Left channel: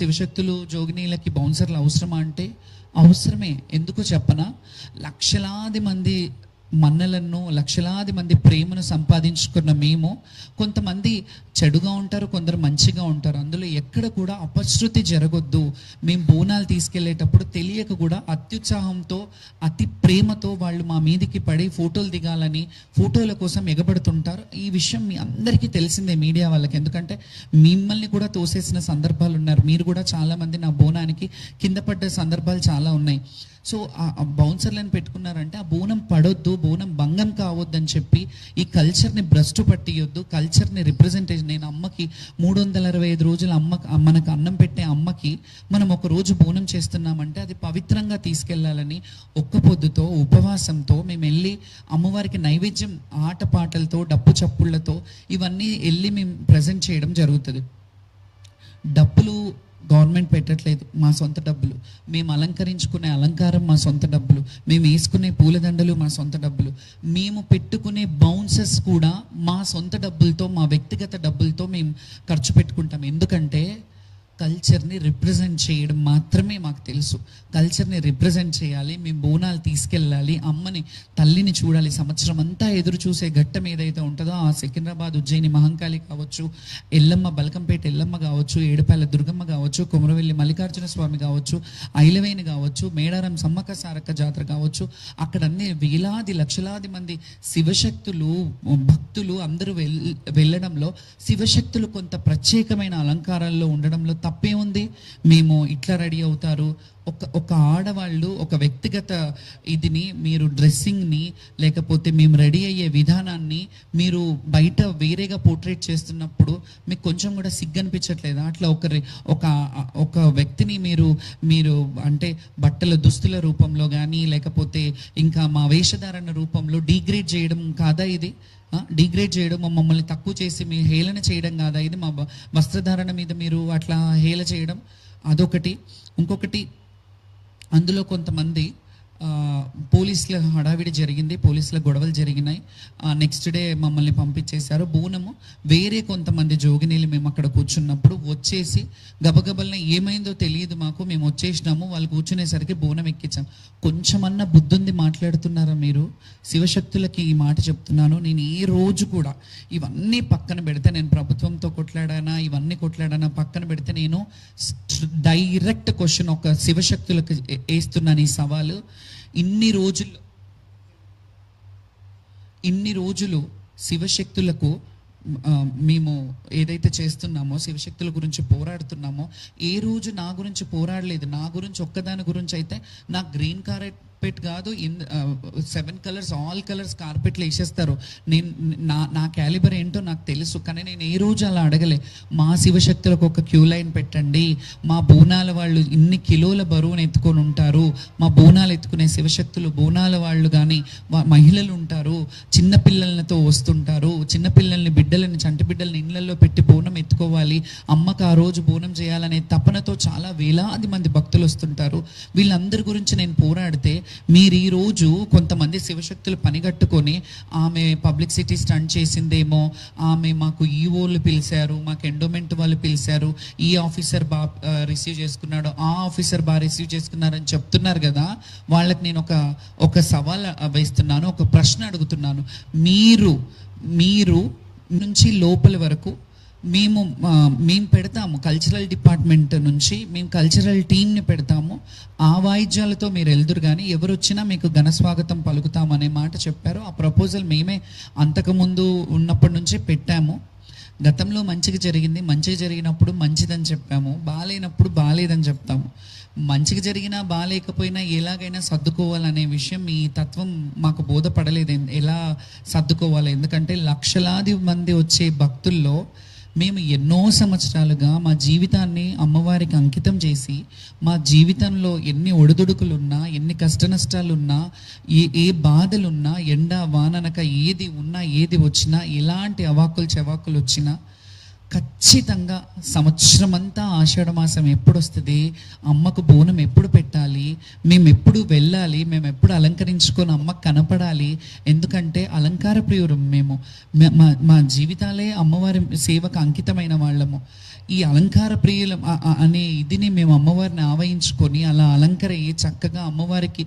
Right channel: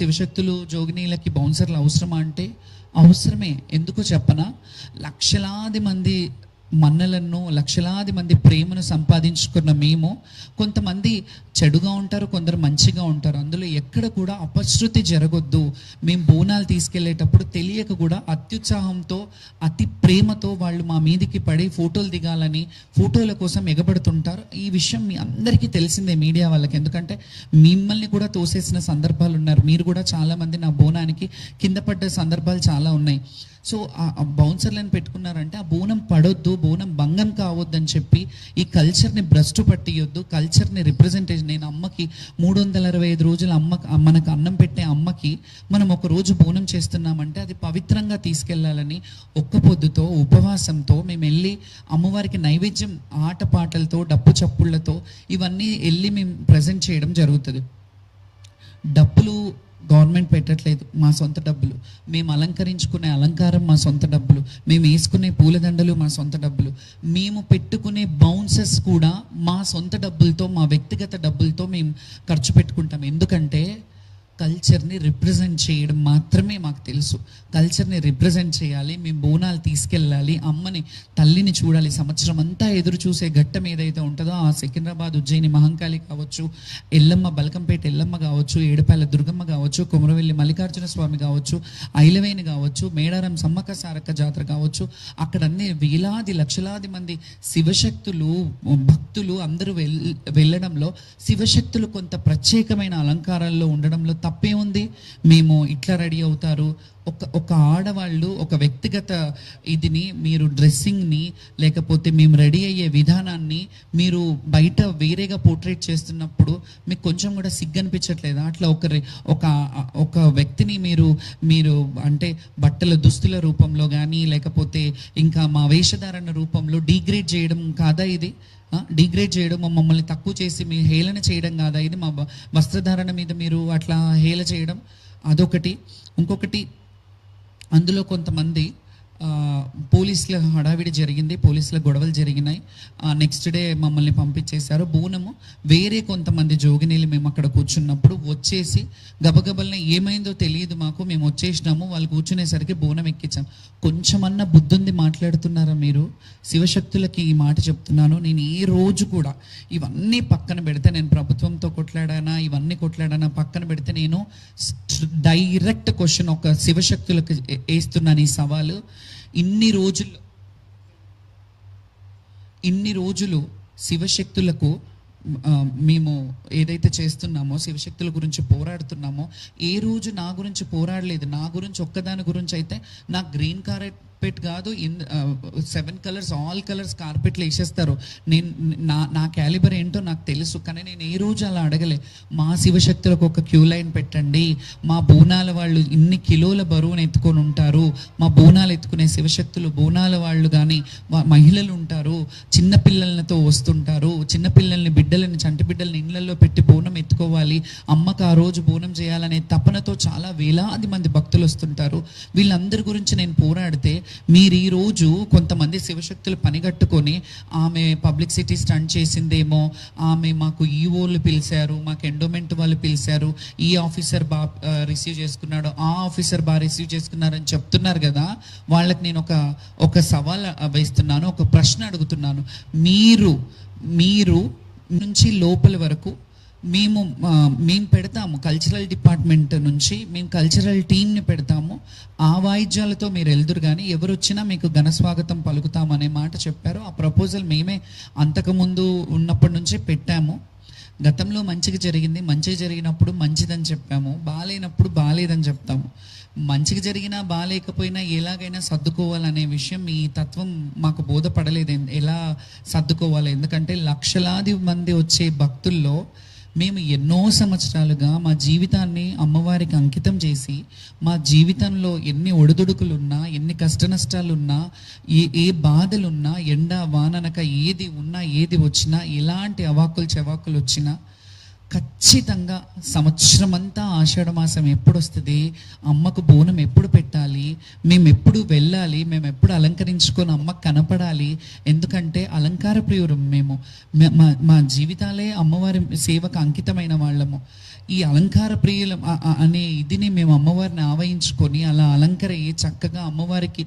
శివశక్తులు జోగినీలకి బౌన్సర్లు అవసరమా అంటే అవసరమే. ఎందుకో చెప్పనా, లక్షలాది మంది మన్నలను, లక్షలాది మంది ప్రేమను సంపాదించుకున్న మేము, కొంతమంది చెడుగా ఉంటారు, కొందరు మంచిగా ఉంటారు. అందులో ఎక్కడ కూడా అపశృతి జరగొద్దు. మేము బోనాలు తీసుకెళ్లేటప్పుడు తెలియక కూడా అత్యుత్సాహంతో, అతి ప్రేమతో వాళ్ళు మా మీదికి పడి ఫోటోలు దిగాలని, ఫోటోల కోసం ఎగబడుతుంటారు. ఈ విషయం మీ అందరికీ తెలిసిందే, మీడియా వాళ్ళకి. ఎందుకంటే మిమ్మల్ని కూడా తోసేసిన సందర్భాలు ఉన్నారు. మీరు కూడా చాలా మంది నా బోనానికి కింద పడ్డ సందర్భాలు చాలా ఉన్నాయి. సో ఆ బౌన్సర్లను పెట్టుకున్నారంటే ఆ బోనం పడొద్దు, బోనం భంగం కావద్దు అని చెప్పి ఈ కల్చర్ని భ్రష్టు పట్టియొద్దు, కల్చర్ని రిప్రజెంటేషన్. నేను అమ్మకి 365 రోజులు మనకు అన్నం పెట్టే అమ్మకి మనం ఒక రోజు బోనం చేస్తున్నామంటే అది పవిత్రంగా తీసుకెళ్లాలని ఒక్క పొద్దుతో, ఉపవాసంతో మేము వెళ్ళి అమ్మవారికి నైవేద్యం ఆటపాటలతో, డప్పు చప్పుళ్లతో ఇవన్నీ వెళ్ళి మేము ప్రజెంట్ చేయడం జరుగుతుంది. డబ్బులు గవర్నమెంట్ పెట్టట్లేదు, మా సొంత డబ్బులు. మేము అలంకరించుకునే అలంకారం మా సొంత డబ్బులు, మేము వేసుకునే పూలదండలు మా సొంత డబ్బులు, మేము పెట్టుకునే బౌన్సెస్ కూడా మా సొంత డబ్బులతో, మా వ్యక్తిగత డబ్బులతో మేము ఖర్చు పెట్టుకుంటాం. ఎందుకంటే కల్చర్ని రిప్రజెంట్ చేయడం మాత్రమే మాకు తెలుసు. కల్చర్ని రిప్రజెంట్ చేయాలి, మేము బోనాలు తీసుకెళ్ళాలి, అమ్మని, తల్లిని చూడాలి. సంవత్సరం అంతా ఎదురు చూసే ఘట్టం ఏదైతే ఉంటుందో, ఆ సికింద్రాబాద్, ఉజ్జయిని మహంకాళి కావచ్చు, ఎల్లమ్మ, బలకంపేట ఎల్లమ్మ కావచ్చు, ఏడుపాయల దుర్గమ్మ కావచ్చు, కొమరవెల్లి మల్లికార్జున స్వామి కావచ్చు, ఐలవేణి కావచ్చు, మేడారం సమ్మక్క సారక్క జాతర కావచ్చు, అక్కడ అన్ని వేలాది లక్షలాది మంది శివశక్తులు, భక్తులు అందరూ వెళ్ళడంలో, శివశక్తులు కొంత ప్రత్యేకమైన అలంకారాల్లో ఉండడంలో తప్పే ఉంది. మేము ఇట్లా రెడీ అవుతారు, ఒక ఆడవాళ్ళు ఒక వ్యక్తిగత ఇదిని, మీరు డ్రెస్సింగ్ని, లేకపోతే మేము రెడీ అయ్యే విధానాన్ని మీరు బయట వేరేగా పోర్ట్రేట్ చేస్తున్నప్పుడు మీకు కొంచెం కూడా సిగ్గు అనిపించట్లేదా? అట్లా ఒక వ్యక్తిని మీరు అంటే బట్టల దుస్తుల రూపంలో కానీ, లేకపోతే ఇంకా మా వేషధారణ రూపంలో డీగ్రేడ్ చేయడం కాదా ఇది? డిగ్రేడ్ చేయడం, మమ్మల్ని తక్కువ చేసి మీ హేళన చేయడం కాదా ఇది? మా వస్త్రధారణ మీద మీరు అట్లా హేళ చేయడం అదొకటి. ఇంకొకటి, అందులో కొంతమంది పోలీసుల హడావిడి జరిగింది, పోలీసుల గొడవలు జరిగినాయి. నెక్స్ట్ డే మమ్మల్ని పంపించేశారు. బోనము వేరే కొంతమంది జోగినీలు మేము అక్కడ కూర్చున్నప్పుడు వచ్చేసి గబగబల్ని ఏమైందో తెలియదు మాకు, మేము వచ్చేసినాము, వాళ్ళు కూర్చునేసరికి బోనం ఎక్కించాం. కొంచెమన్నా బుద్ధుంది మాట్లాడుతున్నారా మీరు? శివశక్తులకి ఈ మాట చెప్తున్నాను. నేను ఏ రోజు కూడా ఇవన్నీ పక్కన పెడితే, నేను ప్రభుత్వంతో కొట్లాడానా, ఇవన్నీ కొట్లాడానా పక్కన పెడితే, నేను డైరెక్ట్ క్వశ్చన్ ఒక శివశక్తులకు వేస్తున్నాను ఈ సవాలు. ఇన్ని రోజులు శివశక్తులకు మేము ఏదైతే చేస్తున్నామో, శివశక్తుల గురించి పోరాడుతున్నామో, ఏ రోజు నా గురించి పోరాడలేదు. నా గురించి ఒక్కదాని గురించి అయితే, నా గ్రీన్ కార్పెట్ కాదు, 7 కలర్స్, ఆల్ కలర్స్ కార్పెట్లు వేసేస్తారు. నా క్యాలిబర్ ఏంటో నాకు తెలుసు. కానీ నేను ఏ రోజు అలా అడగలే, మా శివశక్తులకు ఒక క్యూ లైన్ పెట్టండి, మా బోనాల వాళ్ళు ఇన్ని కిలోల బరువును ఎత్తుకొని ఉంటారు, మా బోనాలు ఎత్తుకునే శివశక్తులు, బోనాల వాళ్ళు కానీ మహిళలు ఉంటారు, చిన్నపిల్లలతో వస్తుంటారు, చిన్నపిల్లల్ని, బిడ్డలని, చంటి బిడ్డలని ఇళ్లలో పెట్టి బోనం ఎత్తుకోవాలి, అమ్మకు ఆ రోజు బోనం చేయాలనే తపనతో చాలా వేలాది మంది భక్తులు వస్తుంటారు. వీళ్ళందరి గురించి నేను పోరాడితే, మీరు ఈ రోజు కొంతమంది శివశక్తులు పనిగట్టుకొని, ఆమె పబ్లిసిటీ స్టంట్ చేసిందేమో, ఆమె మాకు ఈఓలు పిలిచారు, మాకు ఎండోమెంట్ వాళ్ళు పిలిచారు, ఈ ఆఫీసర్ రిసీవ్ చేసుకున్నాడు, ఆ ఆఫీసర్ రిసీవ్ చేసుకున్నారని చెప్తున్నారు కదా. వాళ్ళకి నేను ఒక సవాల్ వేస్తున్నాను, ఒక ప్రశ్న అడుగుతున్నాను. మీరు నుంచి లోపల వరకు మేము పెడతాము, కల్చరల్ డిపార్ట్మెంట్ నుంచి మేము కల్చరల్ టీంని పెడతాము, ఆ వాయిద్యాలతో మీరు వెళ్దురు కానీ ఎవరు వచ్చినా మీకు ఘన స్వాగతం పలుకుతాము అనే మాట చెప్పారు. ఆ ప్రపోజల్ మేమే అంతకుముందు ఉన్నప్పటి నుంచే పెట్టాము. గతంలో మంచిగా జరిగింది, మంచిగా జరిగినప్పుడు మంచిదని చెప్పాము, బాగాలేనప్పుడు బాగాలేదని చెప్తాము. మంచిగా జరిగినా బాగాలేకపోయినా ఎలాగైనా సర్దుకోవాలనే విషయం, ఈ తత్వం మాకు బోధపడలేదు ఎలా సర్దుకోవాలి. ఎందుకంటే లక్షలాది మంది వచ్చే భక్తుల్లో మేము ఎన్నో సంవత్సరాలుగా మా జీవితాన్ని అమ్మవారికి అంకితం చేసి, మా జీవితంలో ఎన్ని ఒడిదుడుకులున్నా, ఎన్ని కష్ట నష్టాలున్నా, ఏ బాధలున్నా, ఎండ వాననక ఏది ఉన్నా, ఏది వచ్చినా, ఎలాంటి అవాకులు చెవాకులు వచ్చినా ఖచ్చితంగా సంవత్సరం అంతా ఆషాఢ మాసం ఎప్పుడు వస్తుంది, అమ్మకు బోనం ఎప్పుడు పెట్టాలి, మేము ఎప్పుడు వెళ్ళాలి, మేము ఎప్పుడు అలంకరించుకొని అమ్మకు కనపడాలి. ఎందుకంటే అలంకార ప్రియురం మేము. మా జీవితాలే అమ్మవారి సేవకు అంకితమైన వాళ్ళము. ఈ అలంకార ప్రియుల అనే ఇదిని మేము అమ్మవారిని ఆవహించుకొని అలా అలంకరయ్యి చక్కగా అమ్మవారికి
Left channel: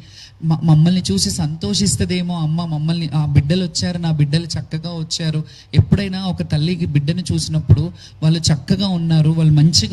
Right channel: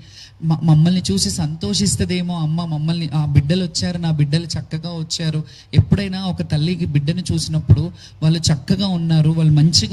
మమ్మల్ని చూసి సంతోషిస్తుందేమో, అమ్మ మమ్మల్ని ఆ బిడ్డలు వచ్చారు, నా బిడ్డలు చక్కగా వచ్చారు. ఎప్పుడైనా ఒక తల్లికి బిడ్డను చూసినప్పుడు వాళ్ళు చక్కగా ఉన్నారు, వాళ్ళు మంచిగా